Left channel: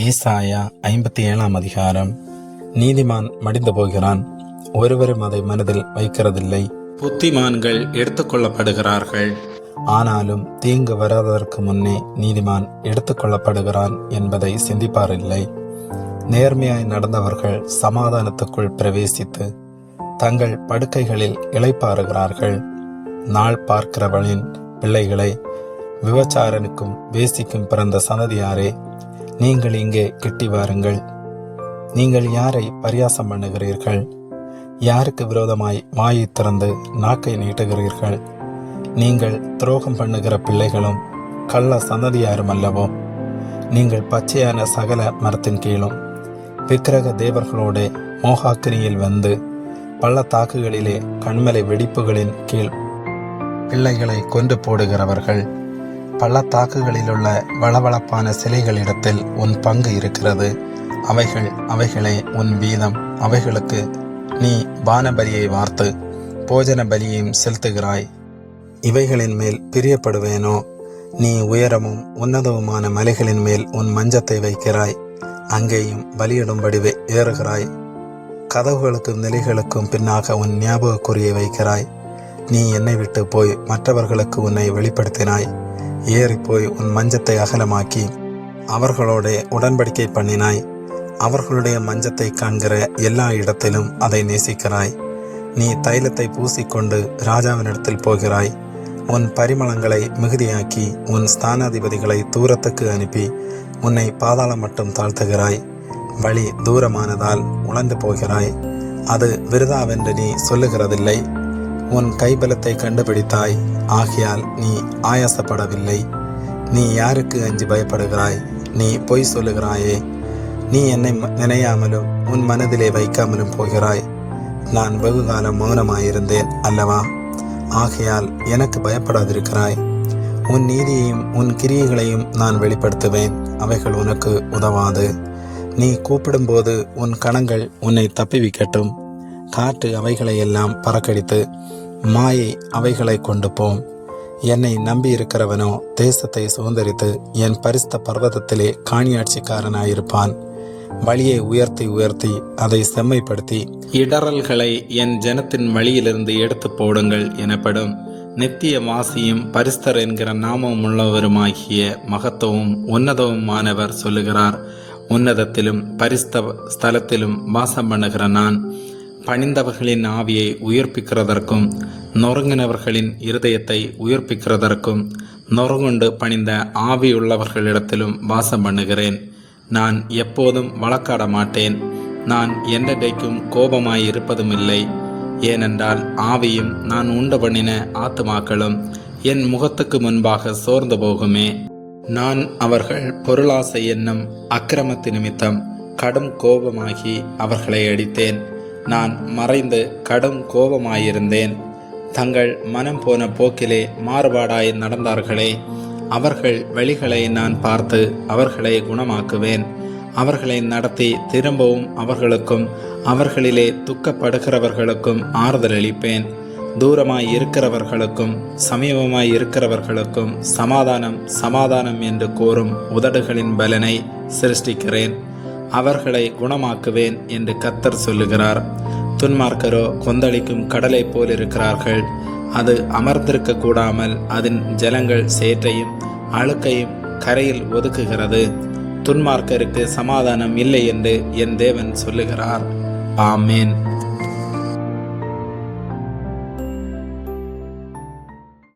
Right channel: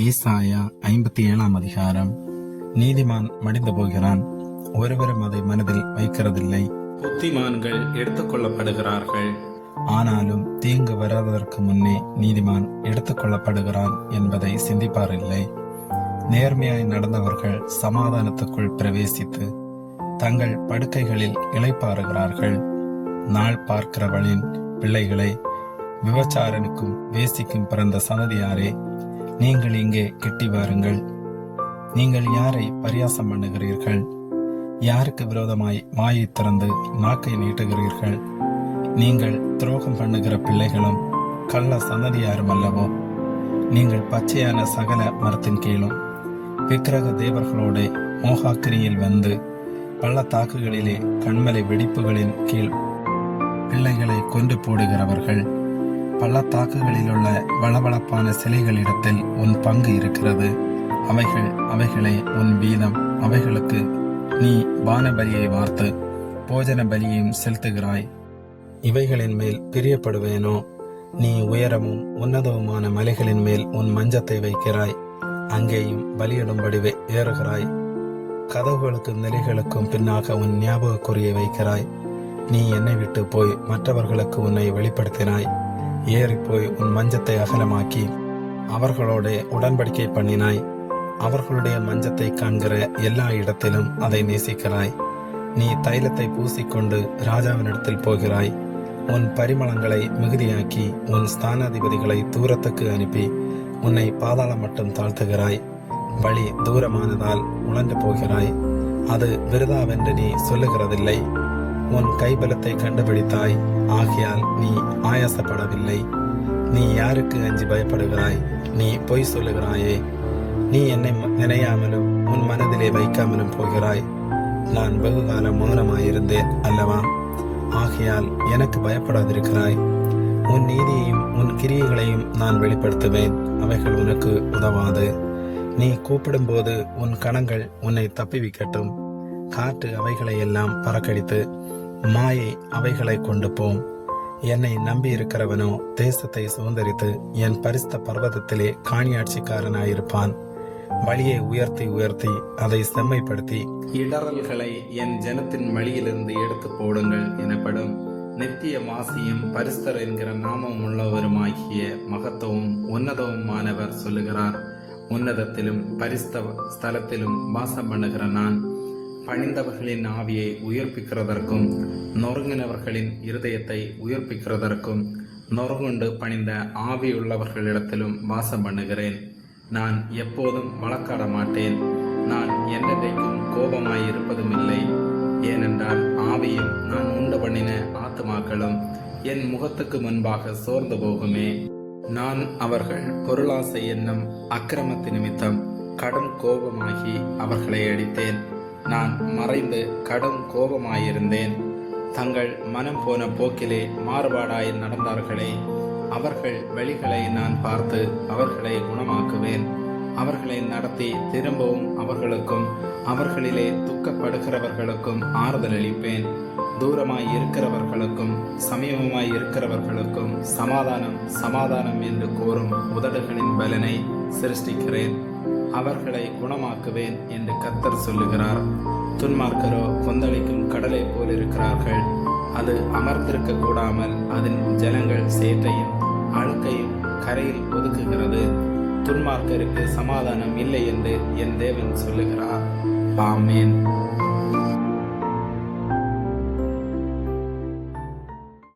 ஏசாயா 57 அதிகாரம். நீதிமான் மடிந்து போகிறான், ஒருவரும் அதை மனதில் வைக்கிறதில்லை. புத்திமான்கள் எடுத்துக்கொள்ளப்படுகிறார்கள், ஆனாலும் தீங்கு வராததற்கு முன்னே நீதிமான் எடுத்துக்கொள்ளப்படுகிறான் என்பதை சிந்திப்பாரில்லை. நேர்மையாய் நடந்தவர்கள் சமாதானத்துக்குள் பிரவேசித்து தங்கள் படுக்கைகளில் இளைப்பாறுகிறார்கள். நாள் பார்க்கிறவளின் பிள்ளைகளை, விபச்சாரனுக்கும் வேசிக்கும் பிறந்த சந்ததியாரே, நீங்கள் இங்கே கிட்டி வாருங்கள். நீங்கள் யாரை பரியாசம் பண்ணுகிறீர்கள்? யாருக்கு விரோதமாய் வாயை திறந்து நாக்கை நீட்டுகிறீர்கள்? நீங்கள் துரோகம் பண்ணுகிற பிள்ளைகளும் கள்ள சந்ததியாரும் அல்லவோ? நீங்கள் பச்சையான சகல மரத்தின் கீழும் விக்கிரக தேவர்களோடு மோகாக்கினியில் வந்து பள்ளத்தாக்குகளிலே கண்மலை வெடிப்புகளின் கீழ் பிள்ளைகளை கொண்டு போடுகிறவர்கள். பள்ளத்தாக்குகளிலுள்ள வளவளப்பான சிலைகளிடத்தில் உன் பங்கு இருக்கிறது. அவைகளே உன் வீதம். அவைகளுக்கு நீ பானபலியை வார்த்து போஜன பலியையும் செலுத்துகிறாய். இவைகளின் மேல் பிரியப்படுவேனோ? நீ உயரமும் உன்னதவுமான மலைகளின் மேல் உன் மஞ்சத்தை வைக்கிறாய், அங்கேயும் பலியிடும்படி ஏறுகிறாய். கதவுகளுக்கும் நிலைகளுக்கும் பின்னாக உன் ஞாபக குறியை வைக்கிறாய். நீ என்னை விட்டு போய் மற்றவர்களுக்கு உன்னை வெளிப்படுத்தினாய். ஏறிப்போய் உன் மஞ்சத்தை அகலமாக்கி அவர்களோட உடன்படிக்கை பண்ணினாய். அவர்களுடைய மஞ்சத்தை காண்கிற எல்லா இடத்திலும் அதை நேசிக்கிறாய். நீ தைலத்தை பூசிக்கொண்டு ராஜாவினிடத்தில் போகிறாய். உன் பரிமளங்களை மிகுதியாக்கி உன் ஸ்தானாதிபதிகளை தூரத்துக்கு அனுப்பி உன்னை பாதாளம் மட்டும் தாழ்த்துகிறாய். வழி தூரமானதால் உழந்து போகிறாய், அது விருதாவென்று நீ சொல்லுகிறதில்லை. உன் கைபலத்தை கண்டுபிடித்தாய், ஆகையால் நீ ஆயாசப்படவில்லை. நீ யாருக்கு அஞ்சி பயப்படுகிறாய்? நீ பொய் சொல்லுகிறாயே. நீ என்னை நினையாமலும் உன் மனதிலே வைக்காமலும் போகிறாய். நான் வெகுகாலம் மௌனமாயிருந்தேன் அல்லவா? ஆகையால் எனக்கு பயப்படாதிருக்கிறாய். உன் நீதியையும் உன் கிரியைகளையும் நான் வெளிப்படுத்துவேன், அவைகள் உனக்கு உதவாது. நீ கூப்பிடும்போது உன் கணங்கள் உன்னை தப்பிவிக்கட்டும். காற்று அவைகளை எல்லாம் பறக்கடித்து மாயை அவைகளை கொண்டு போம். என்னை நம்பி இருக்கிறவனோ தேசத்தை சுதந்தரித்து என் பரிசுத்த பர்வதத்திலே காணியாட்சிக்காரனாயிருப்பான். வழியை உயர்த்தி உயர்த்தி அதை செம்மைப்படுத்தி இடறல்களை என் ஜனத்தின் வழியிலிருந்து எடுத்து போடுங்கள் எனப்படும். நித்திய வாசியும் பரிசுத்தர் என்கிற நாமம் உள்ளவருமாகிய மகத்துவம் உன்னதவுமானவர் சொல்லுகிறார். உன்னதத்திலும் பரிசுத்த ஸ்தலத்திலும் வாசம் பண்ணுகிற நான் பணிந்தவர்களின் ஆவியை உயிர்ப்பிக்கிறதற்கும் நொறுங்கினவர்களின் இருதயத்தை உயிர்ப்பிக்கிறதற்கும் நொறுங்குண்டு பணிந்த ஆவியுள்ளவர்களிடத்திலும் வாசம் பண்ணுகிறேன். நான் எப்போதும் வழக்காட மாட்டேன். நான் என்றைக்கும் கோபமாய் இருப்பதும் இல்லை. ஏனென்றால் ஆவியும் நான் உண்டு பண்ணின ஆத்துமாக்களும் என் முகத்துக்கு முன்பாக சோர்ந்து போகுமே. நான் அவர்கள் பொருளாசை என்னும் அக்கிரமத்து நிமித்தம் கடும் கோபமாகி அவர்களை அடித்தேன். நான் மறைந்து கடும் கோபமாயிருந்தேன். தங்கள் மனம் போன போக்கிலே மாறுபாடாய் நடந்தார்களே. அவர்கள் வழிகளை நான் பார்த்து அவர்களை குணமாக்குவேன். அவர்களை நடத்தி திரும்பவும் அவர்களுக்கும் அவர்களிலே துக்கப்படுகிறவர்களுக்கும் ஆறுதல் அளிப்பேன். தூரமாய் இருக்கிறவர்களுக்கும் சமீபமாய் இருக்கிறவர்களுக்கும் சமாதானம் சமாதானம் என்று கூறும் உதடுகளின் பலனை சிருஷ்டிக்கிறேன். அவர்களை குணமாக்குவேன் என்று கர்த்தர் சொல்லுகிறார். துன்மார்க்கரோ கொந்தளிக்கும் கடலை போல் இருக்கிறார்கள். அது அமர்ந்திருக்க கூடாமல் அதன் ஜலங்கள் சேற்றையும் அழுக்கையும் கரையில் ஒதுக்குகிறது. துன்மார்க்கருக்கு சமாதானம் இல்லை என்று என் தேவன் சொல்லுகிறார். ஆமேன்.